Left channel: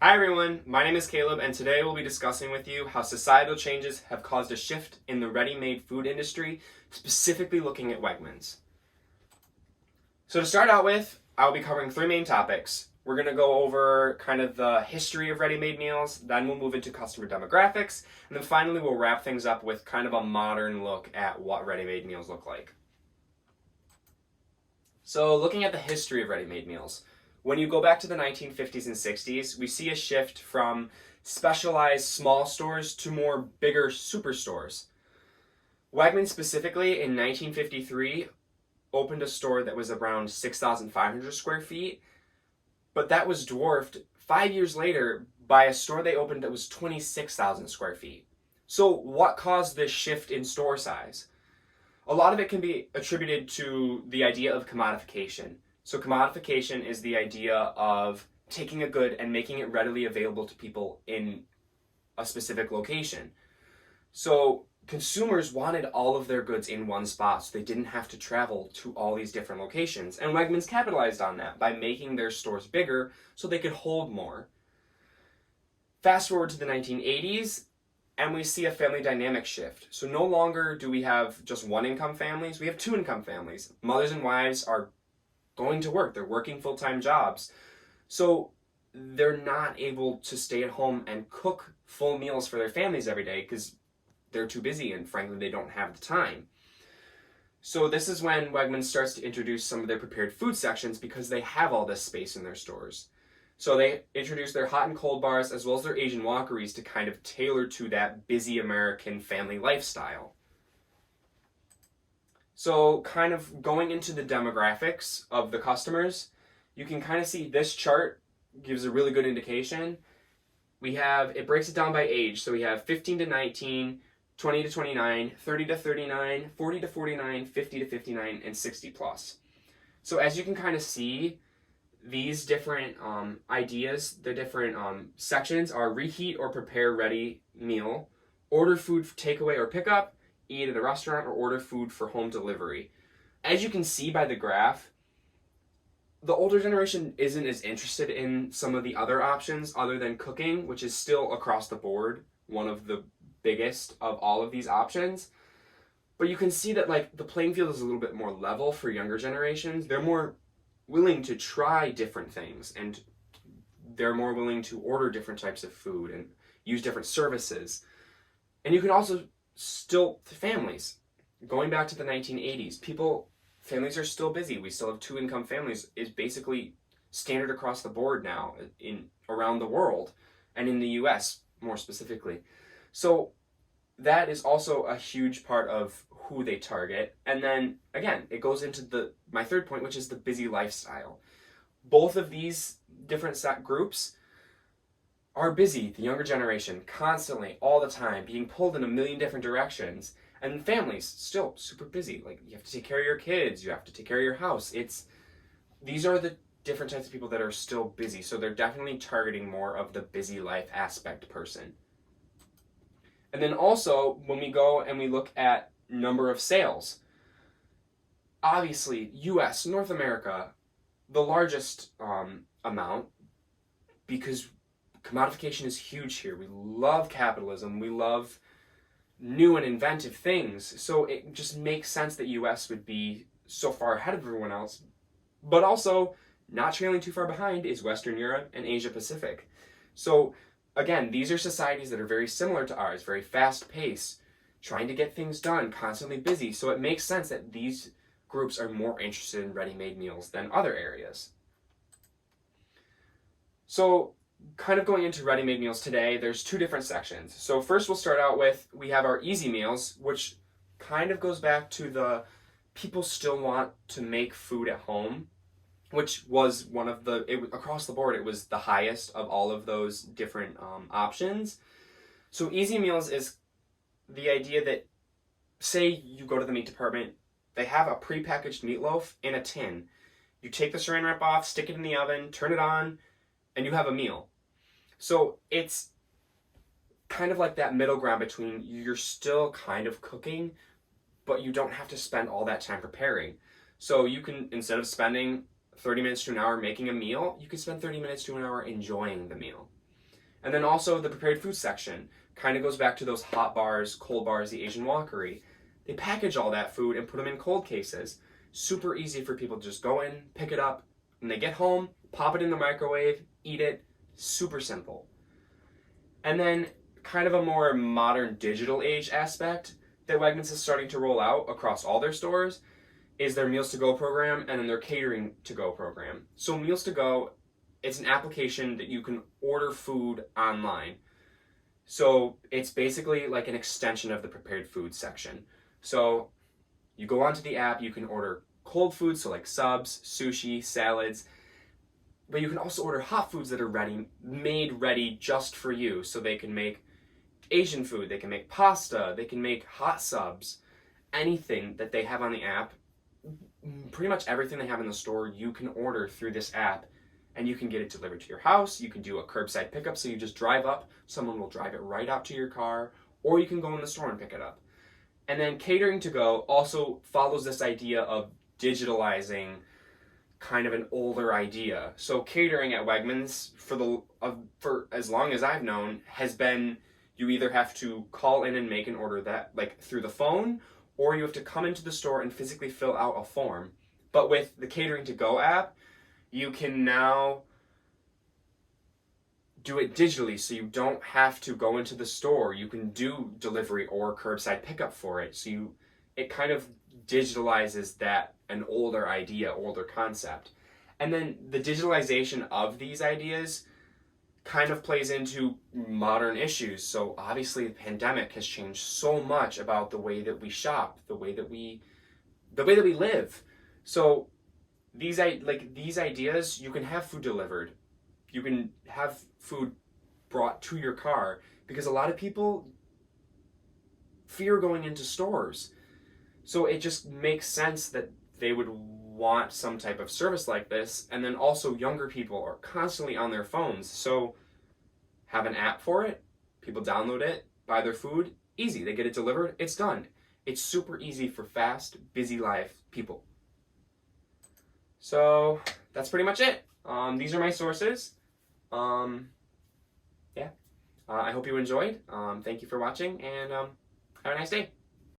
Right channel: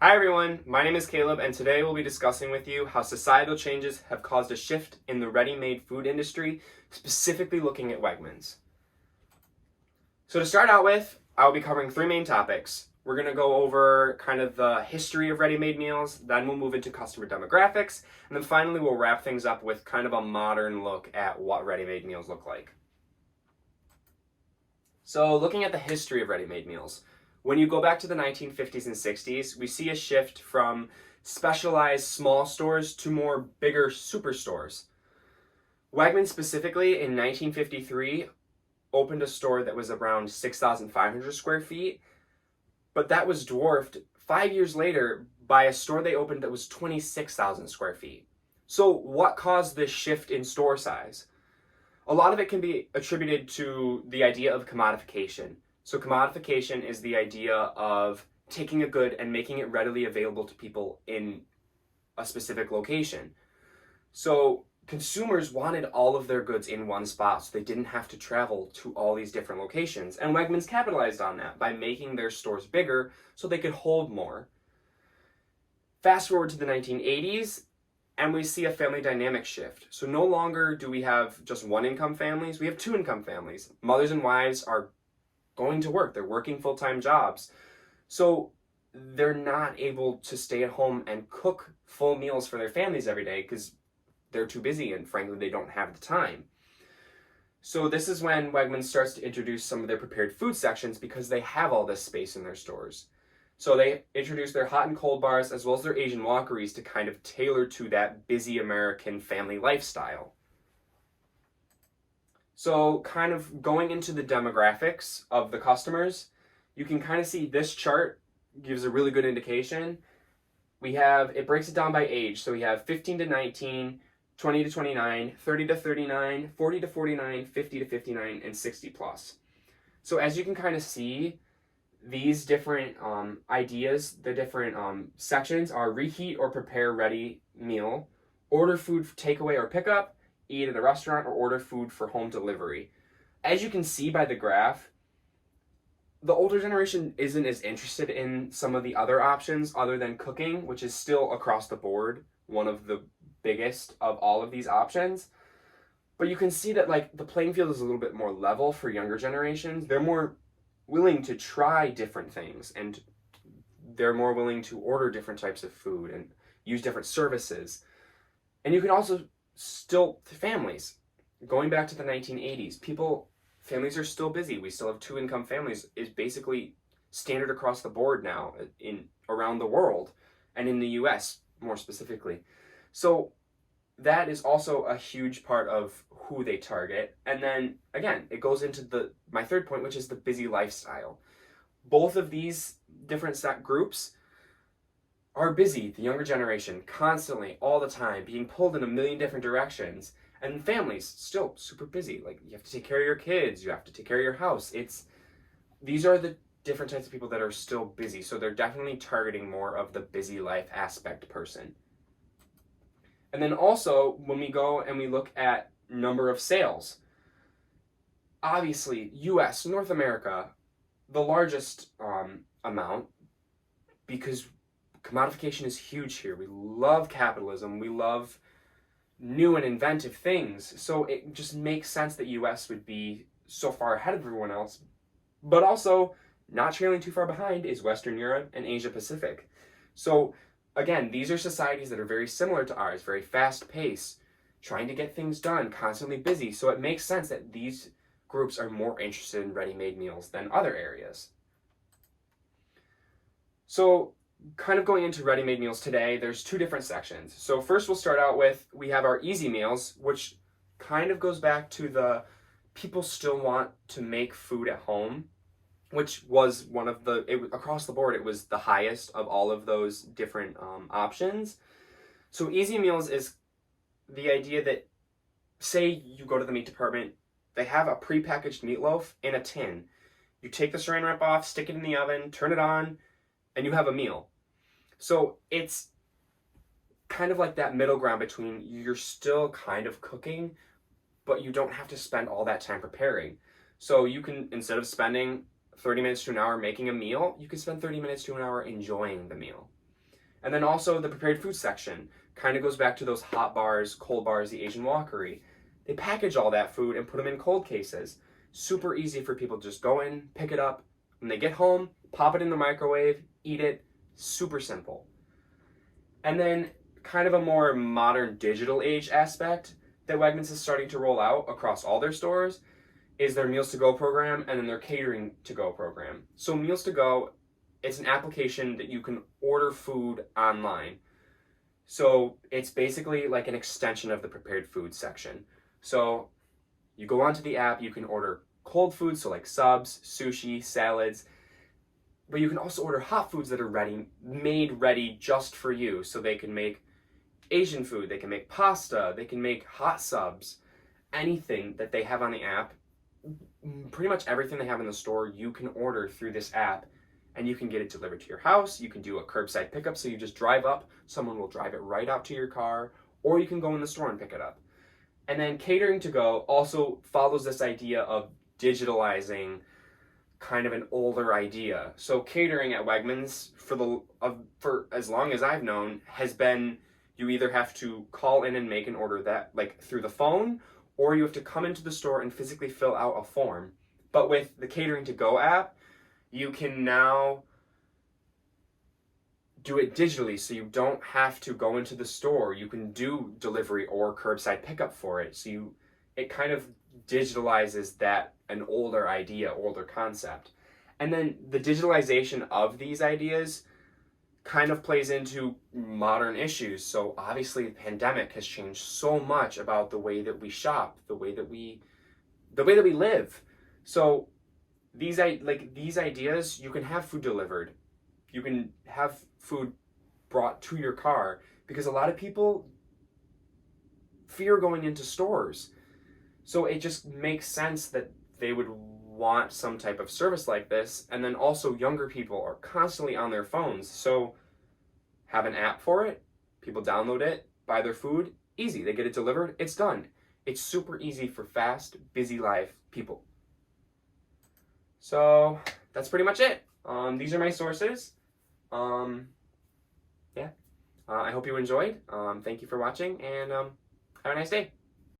Hi everyone, my name is Caleb and today we'll be discussing with you how societal changes have caused a shift in the ready-made food industry, specifically looking at Wegmans. So to start out with, I'll be covering three main topics. We're going to go over kind of the history of ready-made meals, then we'll move into customer demographics, and then finally we'll wrap things up with kind of a modern look at what ready-made meals look like. So looking at the history of ready-made meals, when you go back to the 1950s and 60s, we see a shift from specialized small stores to more bigger superstores. Wegmans specifically in 1953 opened a store that was around 6,500 square feet, but that was dwarfed 5 years later by a store they opened that was 26,000 square feet. So what caused this shift in store size? A lot of it can be attributed to the idea of commodification. So commodification is the idea of taking a good and making it readily available to people in a specific location. So consumers wanted all of their goods in one spot so they didn't have to travel to all these different locations. And Wegmans capitalized on that by making their stores bigger so they could hold more. Fast forward to the 1980s, and we see a family dynamic shift. So no longer do we have just one income families, we have two income families. Mothers and wives are going to work, they're working full-time jobs. So they're not able to stay at home and cook full meals for their families every day because they're too busy and frankly they don't have the time. So this is when Wegmans starts to introduce some of their prepared food sections because they have all this space in their stores. So they introduce their hot and cold bars as well as their Asian walkeries to kind of tailor to that busy American family lifestyle. So kind of going into the demographics of the customers, you can kind of see this chart gives a really good indication. It breaks it down by age. So we have 15 to 19, 20 to 29, 30 to 39, 40 to 49, 50 to 59, and 60 plus. So as you can kind of see, these different ideas, the different sections are reheat or prepare ready meal, order food takeaway or pickup, eat at a restaurant, or order food for home delivery. As you can see by the graph, the older generation isn't as interested in some of the other options other than cooking, which is still across the board one of the biggest of all of these options. But you can see that like the playing field is a little bit more level for younger generations. They're more willing to try different things and they're more willing to order different types of food and use different services. And you can also families. Going back to the 1980s, families are still busy. We still have two income families is basically standard across the board now around the world and in the US more specifically. So that is also a huge part of who they target. And then again, it goes into my third point, which is the busy lifestyle. Both of these different groups are busy, the younger generation, constantly, all the time, being pulled in a million different directions. And families, still super busy. Like, you have to take care of your kids, you have to take care of your house. These are the different types of people that are still busy. So they're definitely targeting more of the busy life aspect person. And then also, when we go and we look at number of sales, obviously, US, North America, the largest amount, because commodification is huge here. We love capitalism. We love new and inventive things. So it just makes sense that US would be so far ahead of everyone else. But also, not trailing too far behind is Western Europe and Asia Pacific. So again, these are societies that are very similar to ours, very fast-paced, trying to get things done, constantly busy. So it makes sense that these groups are more interested in ready-made meals than other areas. So kind of going into ready-made meals today, there's two different sections. So first we'll start out with, we have our easy meals, which kind of goes back to the people still want to make food at home, which was across the board, it was the highest of all of those different options. So easy meals is the idea that, say you go to the meat department, they have a prepackaged meatloaf in a tin. You take the saran wrap off, stick it in the oven, turn it on, and you have a meal. So it's kind of like that middle ground between you're still kind of cooking, but you don't have to spend all that time preparing. So you can, instead of spending 30 minutes to an hour making a meal, you can spend 30 minutes to an hour enjoying the meal. And then also the prepared food section kind of goes back to those hot bars, cold bars, the Asian Walkery. They package all that food and put them in cold cases. Super easy for people to just go in, pick it up, when they get home, pop it in the microwave, eat it. Super simple. And then kind of a more modern digital age aspect that Wegmans is starting to roll out across all their stores is their Meals to Go program and then their Catering to Go program. So Meals to Go, it's an application that you can order food online. So it's basically like an extension of the prepared food section. So you go onto the app, you can order cold foods, so like subs, sushi, salads, but you can also order hot foods that are made ready just for you. So they can make Asian food, they can make pasta, they can make hot subs, anything that they have on the app. Pretty much everything they have in the store, you can order through this app and you can get it delivered to your house. You can do a curbside pickup, so you just drive up, someone will drive it right out to your car, or you can go in the store and pick it up. And then Catering to Go also follows this idea of digitalizing kind of an older idea. So catering at Wegmans for as long as I've known has been you either have to call in and make an order that like through the phone, or you have to come into the store and physically fill out a form. But with the Catering to Go app, you can now do it digitally, so you don't have to go into the store. You can do delivery or curbside pickup for it. So it kind of digitalizes that an older idea, older concept. And then the digitalization of these ideas kind of plays into modern issues. So obviously the pandemic has changed so much about the way that we shop, the way that we live. So these ideas, you can have food delivered. You can have food brought to your car, because a lot of people fear going into stores. So it just makes sense that they would want some type of service like this. And then also younger people are constantly on their phones. So have an app for it. People download it, buy their food. Easy. They get it delivered. It's done. It's super easy for fast, busy life people. So that's pretty much it. These are my sources. I hope you enjoyed. Thank you for watching, and have a nice day.